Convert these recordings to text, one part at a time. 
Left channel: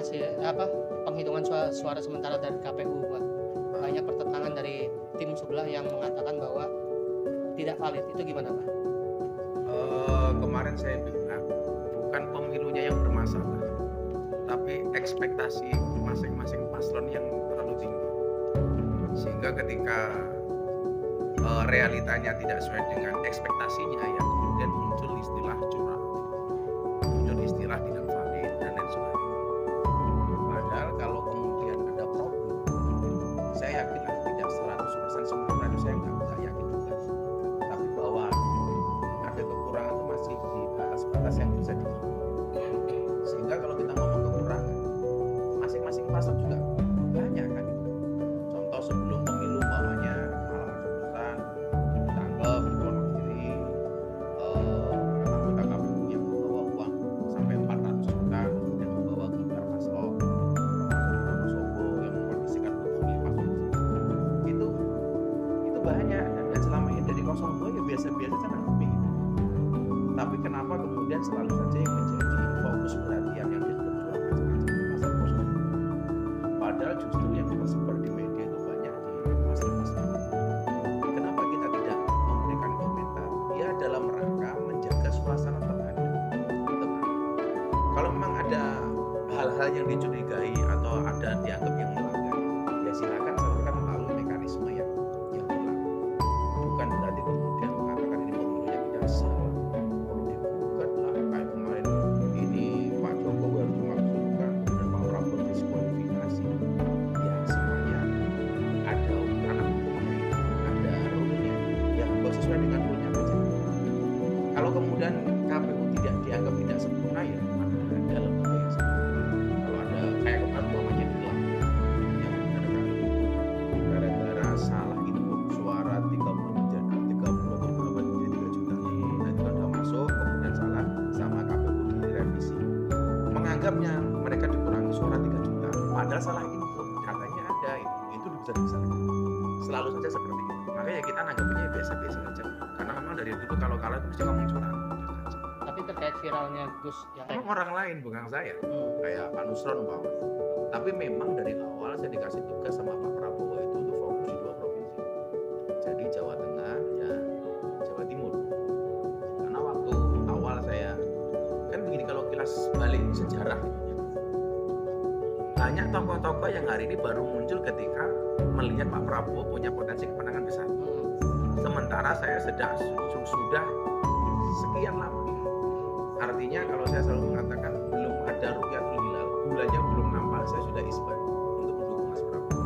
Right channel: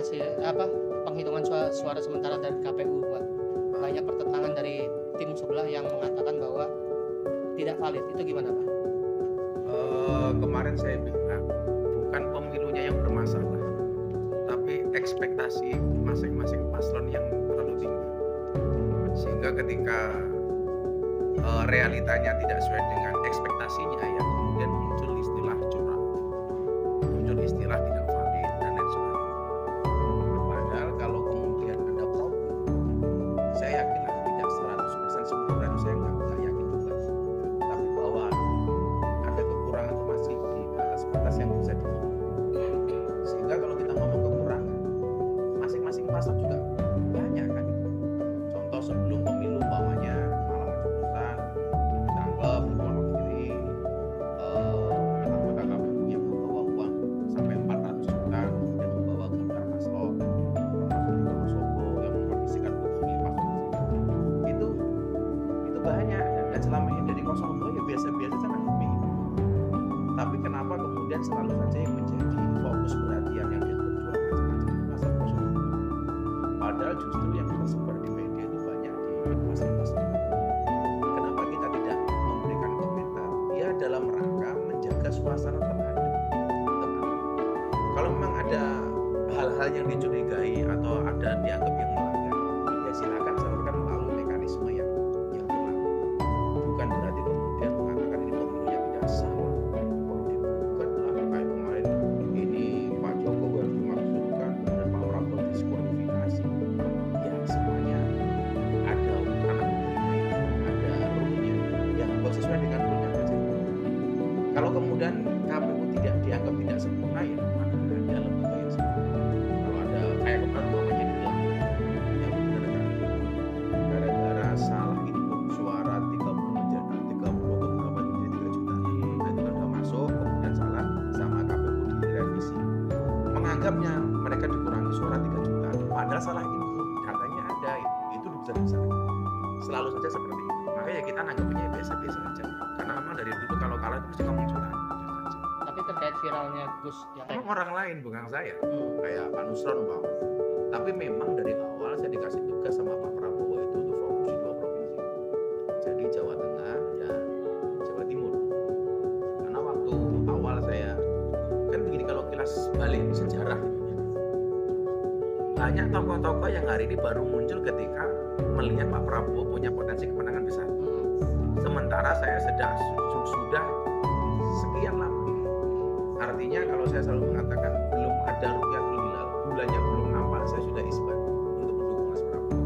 hasil penghitungan suara sementara dari KPU, Pak. Banyak pertentangan dari tim sebelah yang mengatakan bahwa tidak valid. Itu gimana, Pak? Kemarin saya bilang bukan pemilunya yang bermasalah, tapi ekspektasi masing-masing paslon yang terlalu tinggi, sehingga ketika realitanya tidak sesuai dengan ekspektasinya, ya kemudian muncul istilah curang, muncul istilah tidak valid dan lain sebagainya. Padahal kalau kemudian ada problem, saya yakin tidak 100% sempurna, itu saya nggak yakin juga, tapi bahwa ada kekurangan itu masih di batas-batas yang bisa dimaklumi. Sehingga kalau kita ngomong kekurangan, masing-masing paslon juga banyak kan. Contoh sebelum pemilu umpamanya malam pencoblosan ditangkap di luar negeri, anggota KPU yang membawa uang sampai 400 juta kemudian membawa gambar paslon, termasuk di Wonosobo yang mengkondisikan untuk memilih paslon itu banyak, dan selama ini dari 02 ya biasa-biasa saja nanggepi. Tapi kenapa kemudian selalu saja yang menjadi fokus perhatian yang dianggap curang macam-macam pasal 02? Padahal justru yang tersebar di media itu banyak di pasal-pasal. Kenapa kita tidak memberikan komentar? Ya dalam rangka menjaga suasana terhadap teman. Kalau memang ada hal-hal yang dicurigai atau ada dianggap yang melanggar, ya silakan salurkan melalui mekanisme yang berlaku. Bukan berarti kemudian mengatakan ini pemilunya tidak salah, perlu digugat lah, kayak kemarin ini Pak Jokowi harus dimaksudkan, kemudian Pak Prabowo diskualifikasi. Ya semuanya ada ranah hukumnya, ada rule-nya, ya harus sesuai dengan rule-nya saja. Kalau kemudian KPU tidak dianggap tidak sempurna, ya mana ada lembaga yang sempurna. Kalau ada kayak kemarin umpamanya di Lampung yang kemudian ada ribut gara-gara salah input suara 30 atau berapa menjadi 3 juta. Nah itu kan sudah masuk, kemudian salah sama KPU direvisi, menganggapnya mereka dikurangi suara 3 juta padahal salah input, datanya ada, itu bisa dibesarkan. Selalu saja seperti itu. Makanya kita nanggapnya biasa-biasa saja, karena memang dari dulu kalau kalah itu mesti ngomong curang. Tapi terkait viralnya Gus yang orang lain bukan saya, kayak Pak Nusron umpamanya. Tapi memang dari awal saya dikasih tugas sama Pak Prabowo itu untuk fokus di 2 provinsi. Jadi Jawa Tengah dan Jawa Timur. Karena waktu awal saya kan begini, kalau kilas balik sejarah gitu, banyak tokoh-tokoh yang hari ini baru muncul ketika melihat Pak Prabowo punya potensi kemenangan besar. Sementara saya sudah sekian lama. Artinya kalau saya selalu mengatakan belum ada ru'yatul hilal, bulannya belum nampak, saya sudah isbat untuk mendukung Mas Prabowo.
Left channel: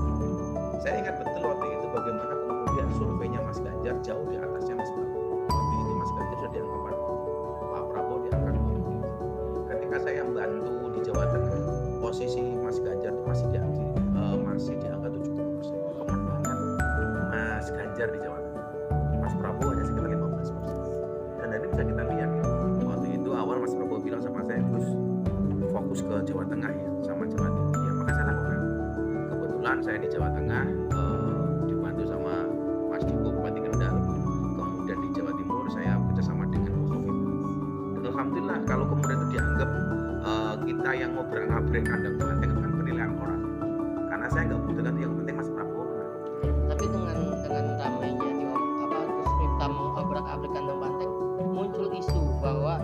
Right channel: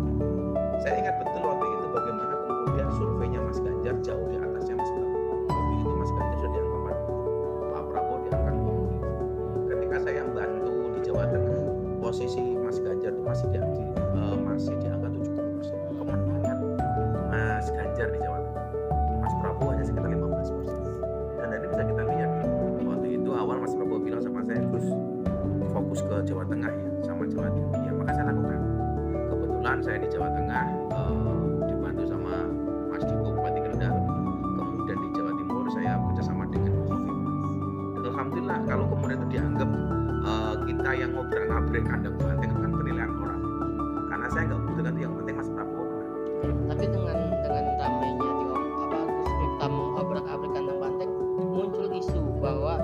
Saya ingat betul waktu itu bagaimana kemudian surveinya Mas Ganjar jauh di atasnya Mas Prabowo. Waktu itu Mas Ganjar sudah di angka 40, Pak Prabowo di angka 20. Ketika saya membantu di Jawa Tengah, posisi Mas Ganjar itu masih di angka 70%. Kemenangan Mas Ganjar di Jawa Tengah, Mas Prabowo hanya sekitar 15%. Dan ini bisa kita lihat, waktu itu awal Mas Prabowo bilang sama saya, Gus fokus ke Jawa Tengah ya, sama Jawa Timur ya, maka saya lakukan. Kebetulan saya di Jawa Tengah dibantu sama Mas Diko Bupati Kendal, kemudian di Jawa Timur saya bekerjasama dengan Bu Khofifah. Dan alhamdulillah kalau kemudian itu dianggap kita yang ngobrak-ngabrik kandang banteng, itu kan penilaian orang. Karena saya nggak butuh itu, yang penting Mas Prabowo menang. Tapi dengan ramainya Gus Miftah mengobrak-abrik kandang banteng, muncul isu bahwa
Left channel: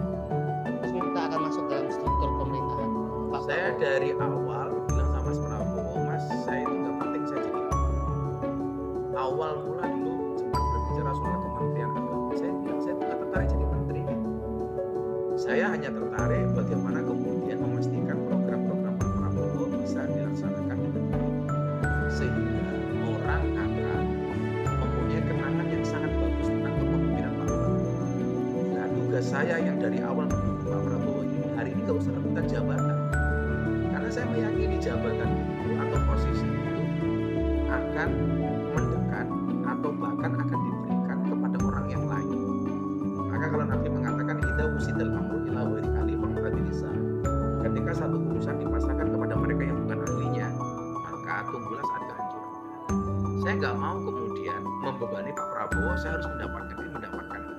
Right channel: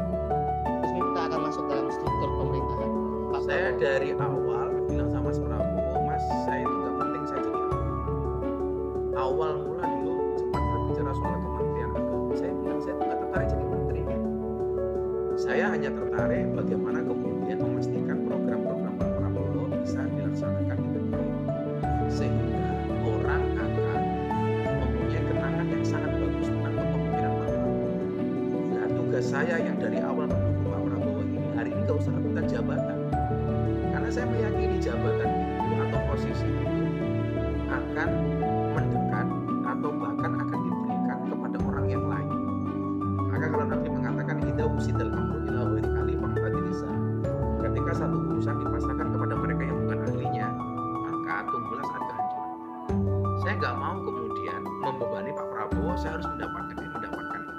Gus Miftah akan masuk dalam struktur pemerintahan Pak Saya Prabowo. dari awal bilang sama Mas Prabowo, Mas, saya itu nggak penting saya jadi apa. Awal mula dulu sempat berbicara soal Kementerian Agama, saya bilang saya nggak tertarik jadi menteri. Saya hanya tertarik bagaimana kemudian memastikan program-program Pak Prabowo bisa dilaksanakan dengan baik, sehingga orang akan mempunyai kenangan yang sangat bagus tentang kepemimpinan Pak Prabowo. Nah, tugas saya yang dari awal mendukung Pak Prabowo ini, hari ini nggak usah rebutan jabatan, karena saya meyakini jabatan itu atau posisi itu akan mendekat atau bahkan akan diberikan kepada orang yang lain. Maka kalau Nabi mengatakan idza wusidal amru ila ghairi ahli faqtadilisa, ketika satu urusan dipasrahkan kepada mereka yang bukan ahlinya, maka tunggulah saat kehancuran. Saya nggak mau kemudian membebani Pak Prabowo, saya harus mendapatkan ini, mendapatkan itu.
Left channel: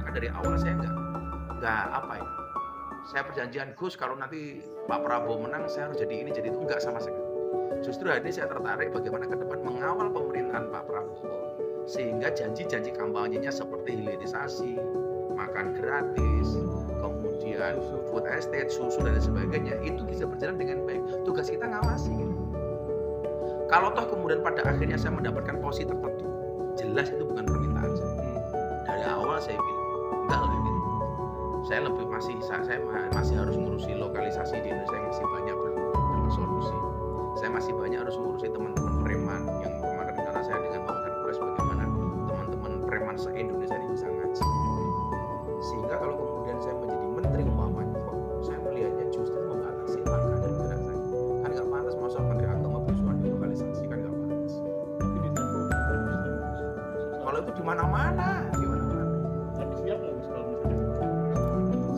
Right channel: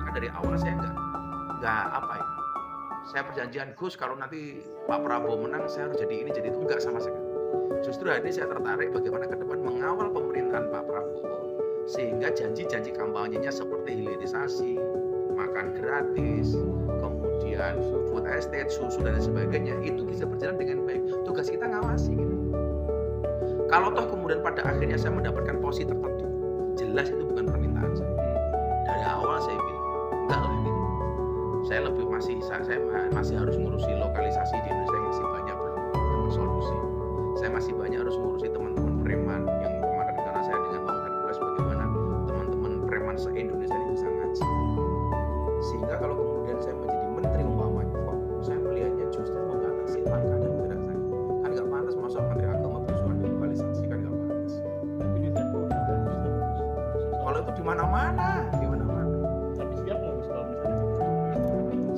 Maka dari awal saya nggak saya perjanjian Gus kalau nanti Pak Prabowo menang saya harus jadi ini jadi itu, enggak sama sekali. Justru hari ini saya tertarik bagaimana ke depan mengawal pemerintahan Pak Prabowo sehingga janji-janji kampanyenya seperti hilirisasi, makan gratis, kemudian food estate, susu dan sebagainya itu bisa berjalan dengan baik. Tugas kita ngawasi gitu. Kalau toh kemudian pada akhirnya saya mendapatkan posisi tertentu, jelas itu bukan permintaan saya. Dari awal saya bilang enggak lah gitu. Saya masih harus ngurusi lokalisasi di Indonesia yang masih banyak belum dapat solusi. Saya masih banyak harus ngurusi teman-teman preman yang kemarin karena saya dengan Bang Hercules bagaimana teman-teman preman se-Indonesia ini bisa ngaji. Sehingga kalau kemudian saya menjadi menteri umpamanya, kok saya melihatnya justru membatasi langkah dan gerak saya. Kan nggak pantas masuk menteri agama berusuhan di lokalisasi, kan nggak pantas. Tapi di Tempo udah ada Muslim. Kalau itu di mana-mana, di mana-mana. Tapi siap nggak Gus kalau misalnya gitu?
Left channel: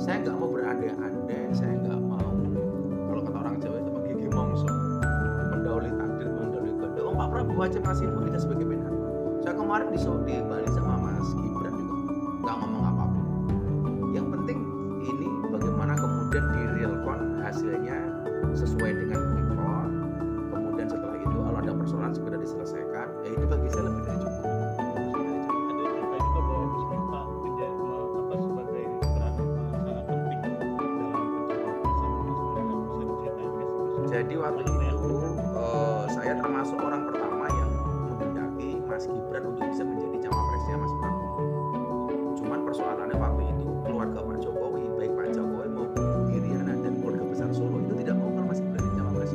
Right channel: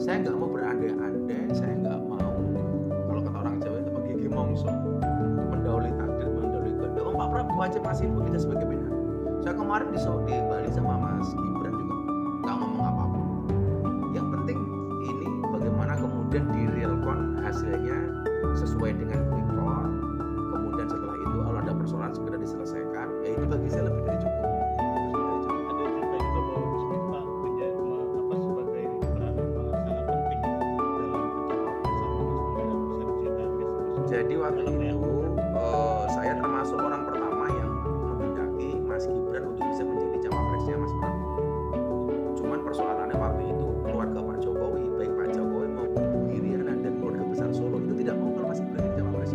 Saya nggak mau berandai-andai, saya nggak mau kalau kata orang Jawa itu menggigi mongso, mendahului takdir, mendahului kehendak. Pak Prabowo aja masih bekerja sebagai menhan. Saya kemarin di Bali sama Mas Gibran juga nggak ngomong apapun. Yang penting ini bagaimana kemudian di realcon hasilnya sesuai dengan quick count. Kemudian setelah itu kalau ada persoalan segera diselesaikan. Ya itu bagi saya lebih dari cukup. Ada cerita juga bahwa Gus Miftah sebagai peran sangat penting dalam pencawapresan Mas Gibran. Bisa diceritain nggak sih Gus? Jadi waktu itu saya termasuk orang pertama yang menghendaki Mas Gibran untuk bisa menjadi cawapresnya Mas Prabowo. Cuman persoalannya waktu itu keluarga Pak Jokowi, baik Pak Jokowi maupun Bu Iriana dan keluarga besar Solo itu tidak mau kalau Mas Gibran jadi cawapres.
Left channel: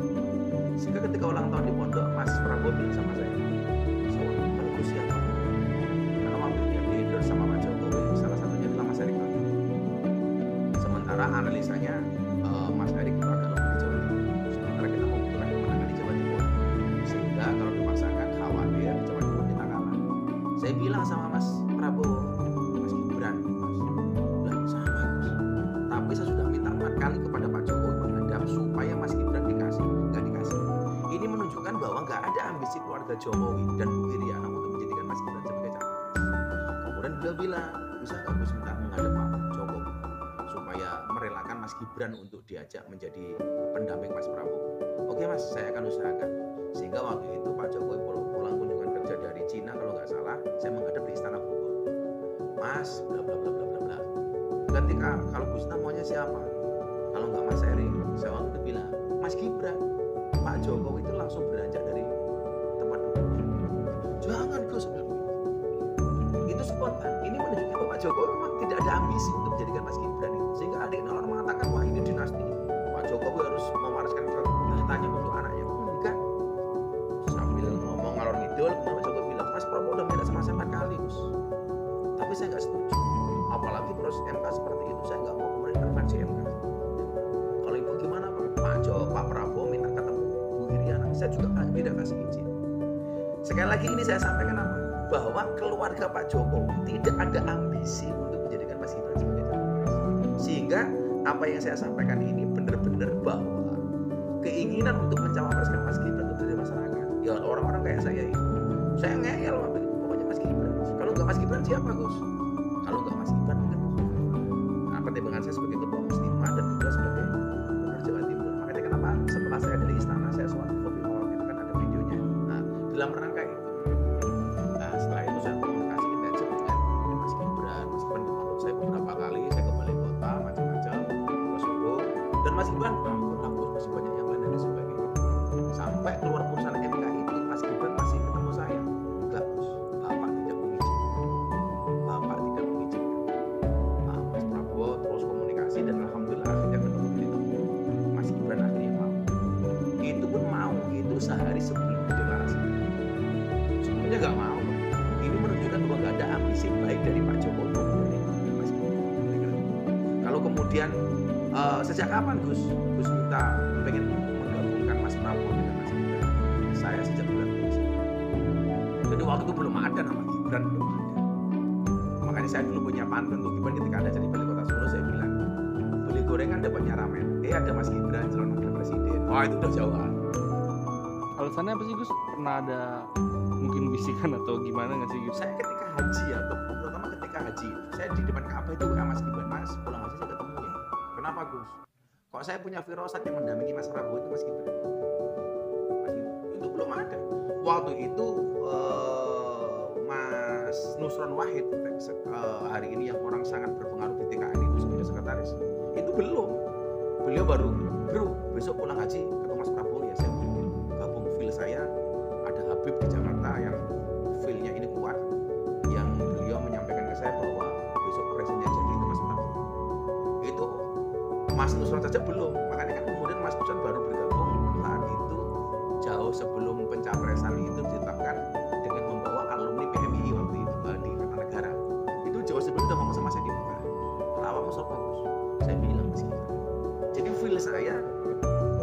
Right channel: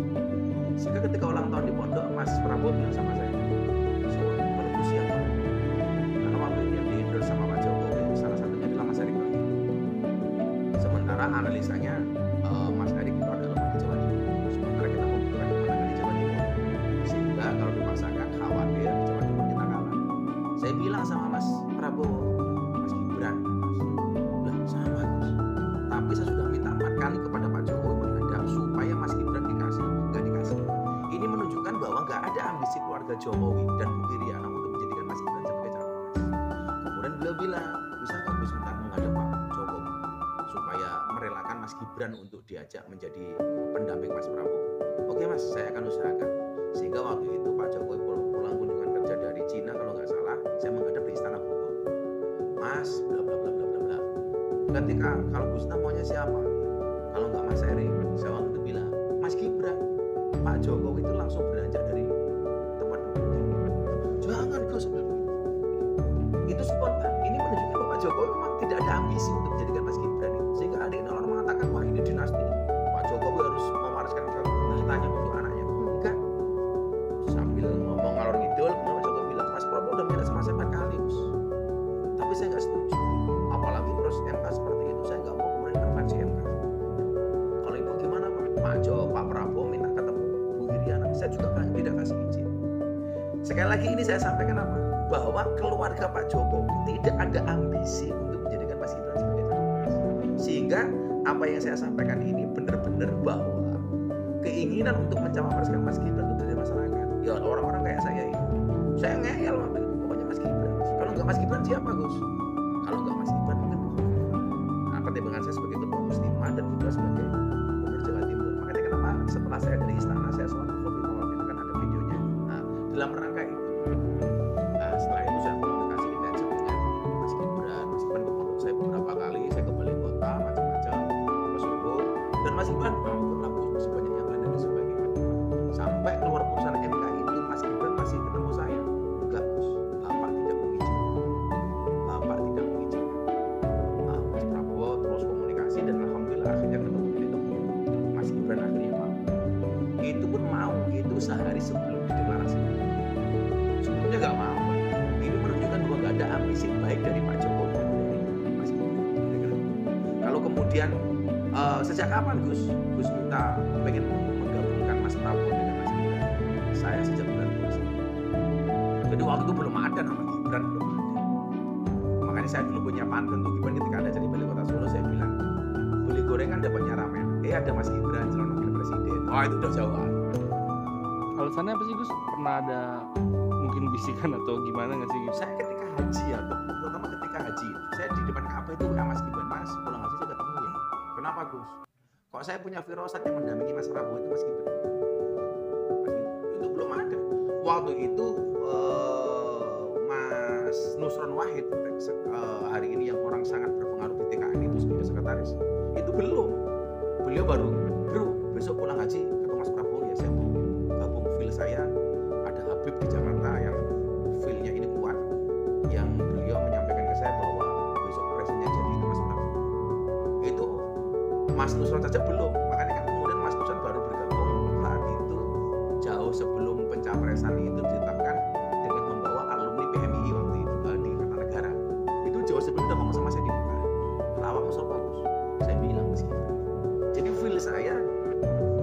Sehingga ketika ulang tahun di pondok, Mas Prabowo bilang sama saya, kalau Gus siapa? Karena waktu itu yang di-endorse sama Pak Jokowi, salah satunya adalah Mas Erick Thohir. Sementara analisanya Mas Erick itu agak lemah di Jawa Timur. Sementara kita membutuhkan kemenangan di Jawa Timur. Sehingga kalau dipaksakan khawatir di Jawa Timur kita kalah. Saya bilang sama Mas Prabowo, Mas Gibran, Mas, lah sama Gus. Tapi saya sudah minta 4 kali kepada Pak Jokowi menghadap supaya Mas Gibran dikasih, nggak dikasih. Ini menunjukkan bahwa nggak ada ambisi keluarga Jokowi dan Bu Iriana untuk menjadikan Mas Gibran sebagai cawapres. Kemudian beliau bilang, bisa nggak Gus minta menghadap Pak Jokowi supaya merelakan Mas Gibran untuk diajak menjadi pendamping Mas Prabowo. Oke Mas, saya akan usahakan. Sehingga waktu itu Pak Jokowi pulang kunjungan kerja dari Cina kalau nggak salah, saya menghadap di Istana Bogor. Mas, bla bla bla bla bla bla. Ketika kalau Gus maunya siapa? Kalau nggak Mas Erick, saya waktu itu bilang Mas Gibran. Pak Jokowi itu langsung beranjak dari tempat duduknya. Jangan Gus, bilang begitu. Itu spontan. Ini menunjukkan bahwa Pak Jokowi memang tidak ada ambisi untuk menjadikan Mas Gibran itu. Sehingga ada yang orang mengatakan wah ini dinasti. Pak Jokowi harus mewariskan tahtanya untuk anaknya. Enggak. Sambil ngomong ngalor ngidul, kemudian Pak Jokowi bilang, Mas Prabowo udah minta sama saya 4 kali Gus. Tapi saya nggak setuju. Apalagi proses MK seperti itu, saya nggak mau kemudian intervensi MK. Kalau ibu gimana Pak Prabowo minta ketemu Bu Iriana, saya juga tidak kasih izin. Sekali lagi ini saya sampaikan apa? Bahwa keluarga Pak Jokowi tidak ada ambisi untuk menjadikan Mas Gibran sebagai cawapres. Sehingga apa yang saya sampaikan ini benar-benar bahwa keinginan untuk mencawapreskan Mas Gibran itu dari masyarakat. Ya orang-orang kayak saya ini. Saya ngeyel waktu itu, pokoknya Mas Gibran. Kalau nggak Mas Gibran siapa Gus? Kalau nggak Mas Gibran mungkin Bu Khofifah. Nah, pertimbangan saya sebagai ketua muslimah dan kedua sebagai gubernur Jawa Timur. Makanya kenapa setelah saya dari istana saya soal Bu Khofifah waktu itu kan ada videonya. Nah, dalam rangka itu. Nah, setelah itu saya komunikasi intensif dengan Mas Gibran. Mas Gibran ke pondok saya beberapa kali, saya ke Balai Kota macam-macam, ke Solo. Dan Mas Gibran, ampun Gus, masih banyak yang lain dan sebagainya. Sampai keluar putusan MK itu, Mas Gibran masih ketemu saya. Enggak Gus, Bapak tidak mengizinkan. Bapak tidak mengizinkan. Nah, Mas Prabowo terus komunikasi dan alhamdulillah akhirnya ketemu di temu. Mas Gibran akhirnya mau. Itu pun mau, itu sehari sebelum dideklarasikan. Sebelumnya nggak mau. Ini menunjukkan bahwa nggak ada ambisi baik dari Pak Jokowi maupun dari Mas Gibran. Kira-kira. Kalau kemudian sejak kapan Gus minta pengen menggabungkan Mas Prabowo dengan Mas Gibran? Saya sejak bulan puasa. Jadi waktu itu belum ada nama Gibran, belum ada. Makanya saya dulu punya pantun tuh Gibran ketika ada jadi Balai Kota Solo saya bilang beli gorengan dapatnya ramen. Ada Mas Gibran calon wakil presiden. Wah itu udah jauhan. Alasannya apa sih Gus? Pernah ada mungkin bisikan atau gimana nggak sih Gus? Saya ketika haji atau terutama ketika haji, saya di depan Ka'bah itu WA Mas Gibran, Mas pulang haji saya ketemu ya. Kenapa Gus? Kok saya punya firasat yang mendampingi Mas Prabowo itu Mas Gibran? Mas Gibran itu belum ada. Waktu itu Mas Nusron Wahid hari ini yang orang sangat berpengaruh di TKN itu sebagai sekretaris, itu belum. Beliau baru, bro, besok pulang haji ketemu Mas Prabowo ya, saya mau gabung feel saya. Ada Habib di Jakarta yang feel-nya ini kuat, yang beliau menyampaikan ke saya bahwa besok presidennya jadi itu Mas Prabowo. Itu Mas Nusron saja belum, makanya kan kemudian Mas Nusron baru bergabung saat itu jauh sebelum pencapresan itu ditetapkan dengan membawa alumni PMI waktu itu di Kertanegara. Itu jauh sebelum udah ngomong sama saya di muka. Awakmu sapa Gus? Saya bilang Mas Gibran. Jadi feel saya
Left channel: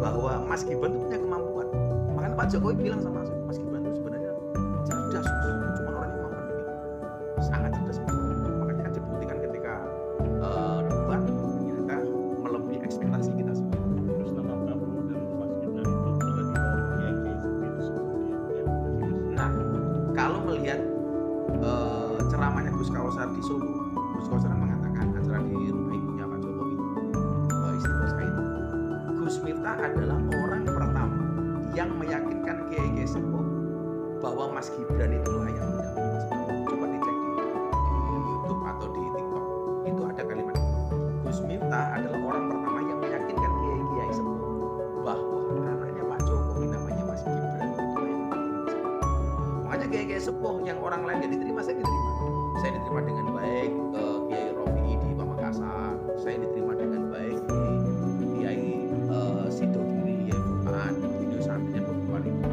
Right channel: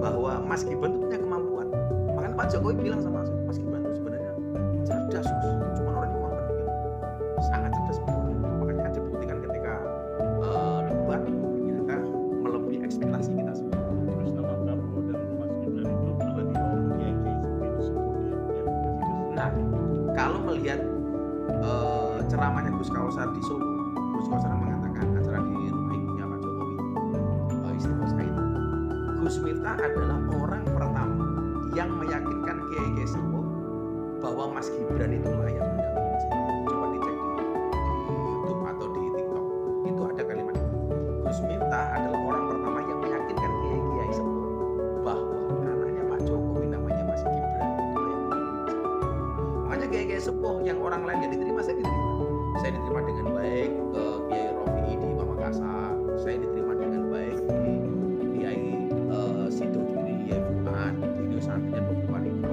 bahwa Mas Gibran itu punya kemampuan. Makanya Pak Jokowi bilang sama saya, Mas Gibran itu sebenarnya cerdas, cuma orangnya memang pendiam. Sangat cerdas. Makanya dibuktikan ketika debat ternyata melebihi ekspektasi kita semua. Terus nama Prabowo dan Mas Gibran itu pernah dibawa ke kiai-kiai sepuh ya. Nah, kalau melihat ceramahnya Gus Kausar di Solo, Gus Kausar mengatakan acara di rumah ibunya Pak Jokowi, Istiqosah itu, Gus Miftah adalah orang pertama yang meyakinkan kiai-kiai sepuh bahwa Mas Gibran itu layak mendampingi Mas Prabowo. Coba dicek di YouTube atau di TikTok, itu ada kalimat itu. Gus Miftah adalah orang pertama yang meyakinkan kiai-kiai sepuh bahwa anaknya Pak Jokowi namanya Mas Gibran itu layak mendampingi Mas Prabowo. Makanya kiai-kiai sepuh yang orang lain gak diterima, saya diterima. Saya diterima dengan baik Kiai Rofi'i di Pamekasan, saya diterima dengan baik di Kiai Sidogiri, Kiai Fuad, video santrinya beberapa ribu.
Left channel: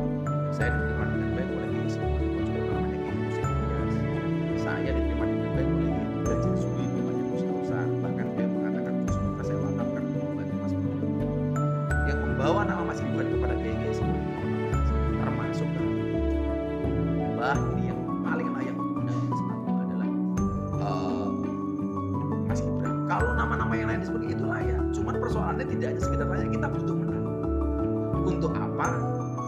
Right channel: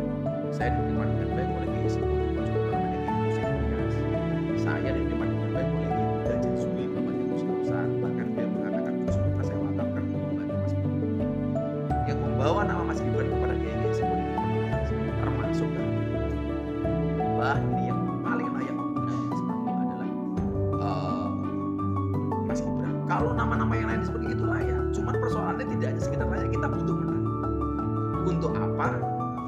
Saya diterima dengan baik oleh Kiai Sepuh di Mojokerto namanya Kiai Musin Ilyas. Saya diterima dengan baik oleh Kiai Buddha Jasui namanya Gus Kausar. Bahkan dia mengatakan Gus Miftah saya wakafkan untuk membantu Mas Prabowo. Yang membawa nama Mas Gibran kepada Kiai Sepuh di termasuk Habib. Mbah ini yang paling layak untuk mendampingi Mas Prabowo adalah Mas Gibran. Kalau nama-nama yang lain disebut itu layak, cuman persoalannya tidak hanya sekedar layak, kita butuh menang. Untuk apa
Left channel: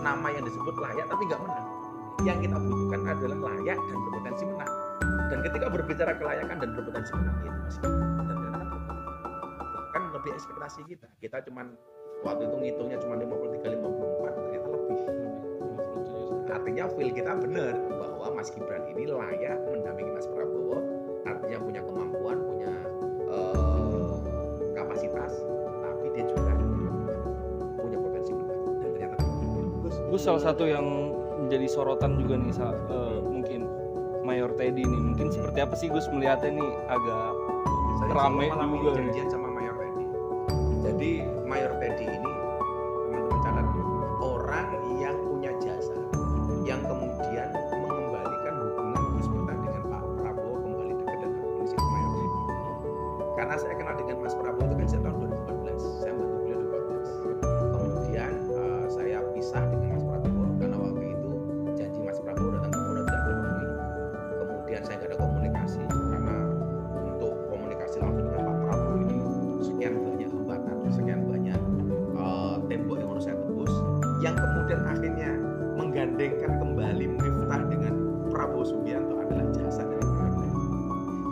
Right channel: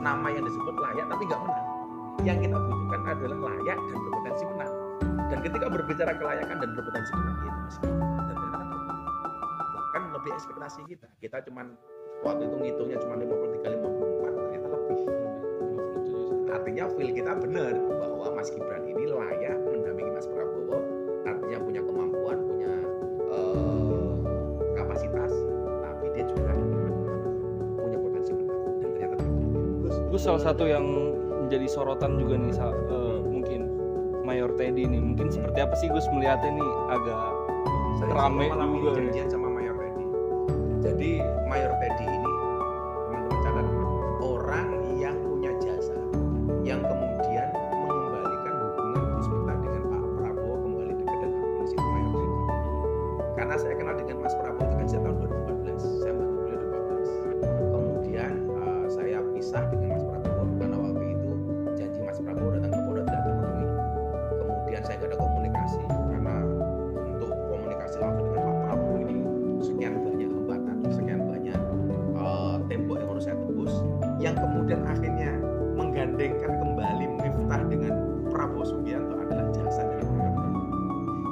nama yang disebut layak tapi nggak menang? Yang kita butuhkan adalah layak dan berpotensi menang. Dan ketika berbicara kelayakan dan berpotensi menang, itu Mas Gibran. Dan ternyata kan terbukti. Bahkan lebih ekspektasi kita. Kita cuman waktu itu ngitungnya cuma 53-54, ternyata lebih. Artinya feel kita benar bahwa Mas Gibran ini layak mendampingi Mas Prabowo, artinya punya kemampuan, punya kapasitas, tapi dia juga punya potensi menang. Dan ternyata Gus salah satu yang menjadi sorotan juga nih mungkin Mayor Teddy nih, mungkin seperti apa sih Gus melihatnya nih, agak saya rame malam ini juga janjian sama Mayor Teddy. Jadi Mayor Teddy ini teman-teman catat, orang yang punya jasa, yang kemudian mengembalikan hubungan Gus Miftah dengan Pak Prabowo kembali dekat dan harmonis itu Mayor Teddy. Karena saya kenal dengan Mas Prabowo itu kan sejak tahun 2014, saya bantu beliau 2014. Kemudian saya pisah dengan Mas Prabowo karena waktu itu janji Mas Prabowo datang ke Polda tidak terpenuhi. Kemudian saya nggak ada komunikasi karena untuk komunikasi langsung dengan Pak Prabowo ini sekian banyak hambatan, sekian banyak tembok yang harus saya tembus, yang kemudian akhirnya menggandengkan kembali Miftah dengan Prabowo Subianto adalah jasa dari Mayor Teddy.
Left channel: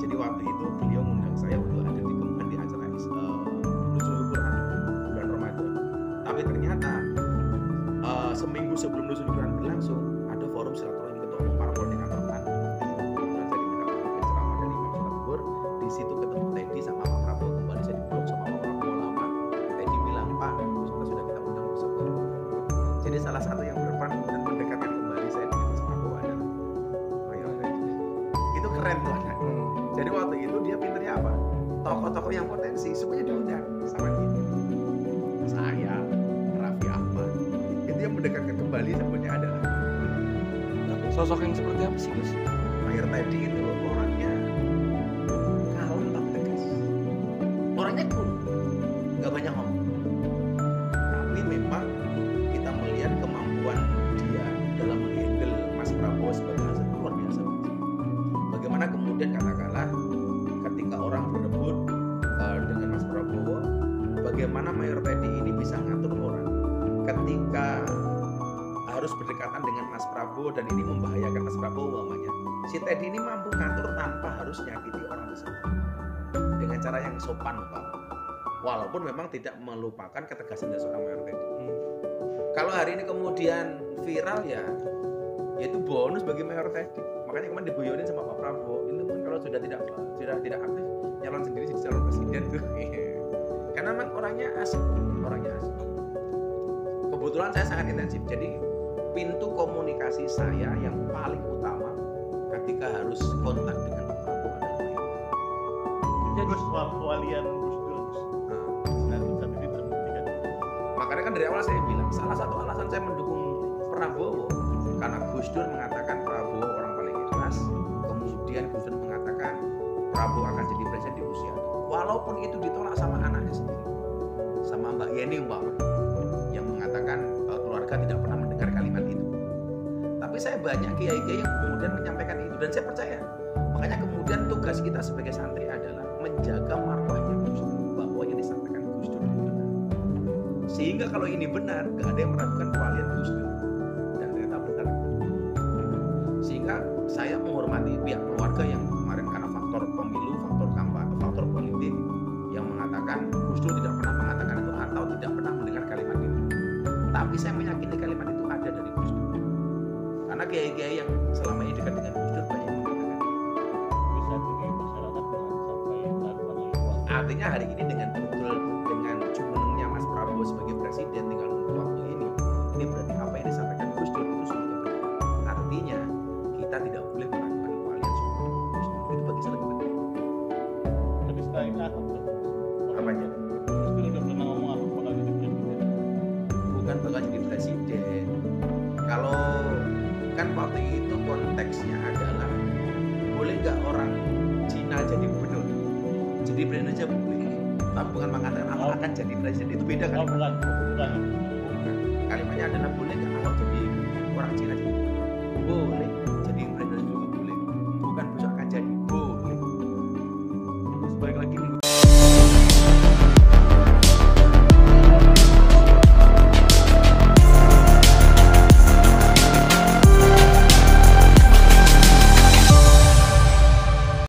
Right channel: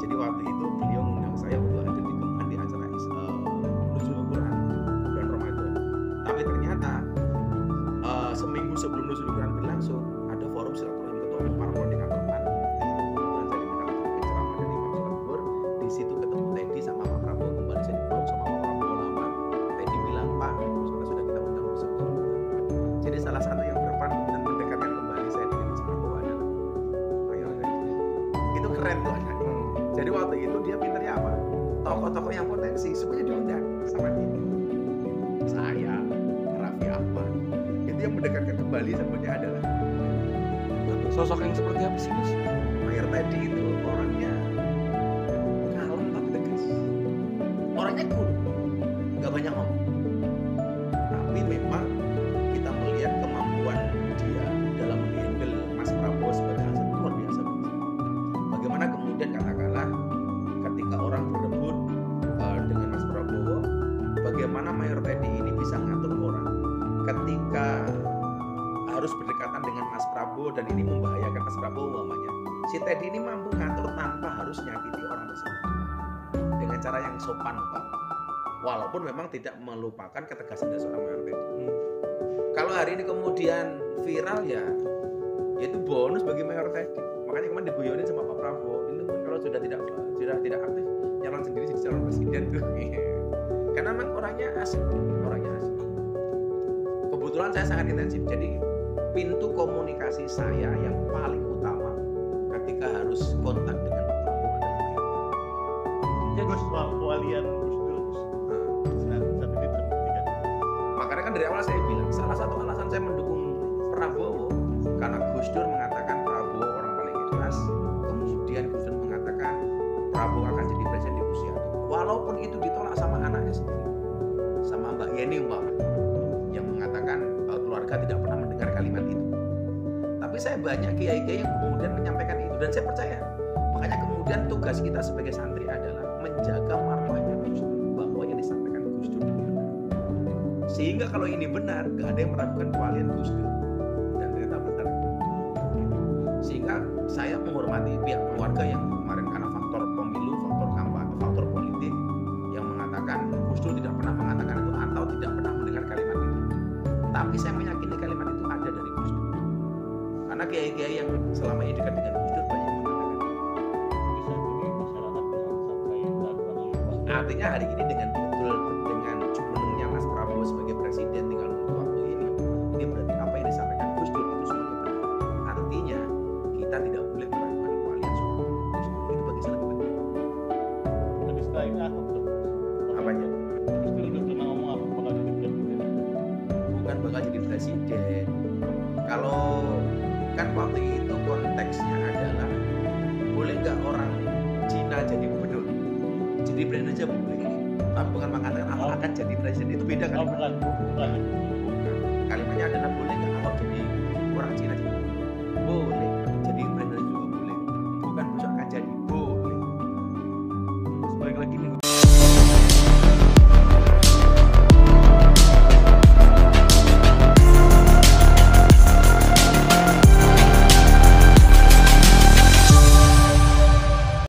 Jadi waktu itu beliau mengundang saya untuk hadir di Kemhan di acara Nuzulul Quran bulan Ramadan. Tapi ternyata seminggu sebelum Nuzulul Quran berlangsung ada forum silaturahim ketua umum parpol di kantor PAN. Kebetulan saya diminta untuk penceramah dari Imam Sholat Zuhur. Di situ ketemu Teddy sama Pak Prabowo, kembali saya dipeluk sama Pak Prabowo lama. Teddy bilang, Pak, sudah kita undang besok ke umum. Jadi salah satu yang berperan kemudian mendekatkan kembali saya dengan Mas Prabowo adalah Mayor Teddy. Itu keren tuh anaknya. Jadi waktu itu dia pinternya apa? Tokoh-tokoh yang potensi semuanya diundang sama dia. Saya, Raffi Ahmad. Itu yang mendekatkan kembali sebenarnya adalah sosok yang seperti apa sih Gus? Mayor Teddy itu orangnya kalem tapi tegas. Orangnya cool, nggak banyak ngomong. Tapi memang kita melihat kemampuan dia dalam menghandle Mas Prabowo sebagai aset luar biasa. Bagaimana kemudian katakanlah ketika orang berebut dengan Mas Prabowo, bagaimana Mayor Teddy ini bisa ngatur orang ketika harus berdekatan dengan Mas Prabowo dan ini membahayakan Mas Prabowo umpamanya. Si Teddy ini mampu ngatur tanpa harus nyakiti orang tersebut dengan cara yang sopan umpamanya. walaupun memang tidak melupakan ketegasan dari seorang Mayor Teddy. Hmm. Kalau hari ini kemudian viral ya itu bonus bagi Mayor Teddy. Makanya kemarin diguyonin sama Pak Prabowo, ini mungkin kalau sudah tidak aktif nyalon sendiri jadi calon presiden tuh. Karena memang orangnya asik. Kebetulan saya sangat intensif, jadi pintu komunikasi saya yang paling utama ketika harus kontak dengan Pak Prabowo adalah Mayor Teddy. Jadi soal kewalian Gus Dur saat ini terbuktikan. Makanya kan dari awal saya bilang salah satu alasan saya mendukung Prabowo karena Gus Dur mengatakan Prabowo orang paling ikhlas, kemudian Gus Dur mengatakan Prabowo akan jadi presiden di usia tua, walaupun itu ditolak sama anaknya sendiri, sama Mbak Yeni umpamanya yang mengatakan keluarga tidak pernah mendengar kalimat itu. Tapi saya banyak kiai-kiai yang kemudian menyampaikan itu dan saya percaya. Makanya kemudian tugas kita sebagai santri adalah menjaga marwahnya Gus Dur, bahwa yang disampaikan Gus Dur itu benar. Sehingga kalau ini benar, gak ada yang meragukan kewalian Gus Dur. Dan ternyata benar. Sehingga saya menghormati pihak keluarga yang kemarin karena faktor pemilu, faktor kampanye, faktor politik yang mengatakan Gus Dur tidak pernah mengatakan itu atau tidak pernah mendengar kalimat itu. Tapi saya meyakini kalimat itu ada dari Gus Dur. Karena kiai-kiai yang selama ini dekat dengan Gus Dur banyak yang mengatakan itu. Tapi saat ini masyarakat jangan sampai raguan oleh keluarga. Artinya hari ini dengan betul dengan jumenengnya Mas Prabowo sebagai presiden tinggal nunggu waktu ini berarti apa yang disampaikan Gus Dur itu semuanya benar. Artinya kita tidak boleh meragukan kewalian seorang Gus Dur, itu bagi saya lebih penting. Tapi setelah ini Ahok tuh. Apanya? Gus Dur udah pernah ngomong Ahok bakal jadi presiden. Bukan bakal jadi presiden. Kalau kan waktu itu konteksnya adalah boleh nggak orang Cina jadi gubernur? Jadi presiden aja boleh. Tapi bukan mengatakan Ahok akan jadi presiden, itu beda kan? Oh bukan. Bukan. Kalimatnya adalah boleh nggak Ahok jadi orang Cina jadi gubernur? Boleh. Jadi presiden juga boleh. Bukan besok akan jadi, boleh. Terus balik lagi nih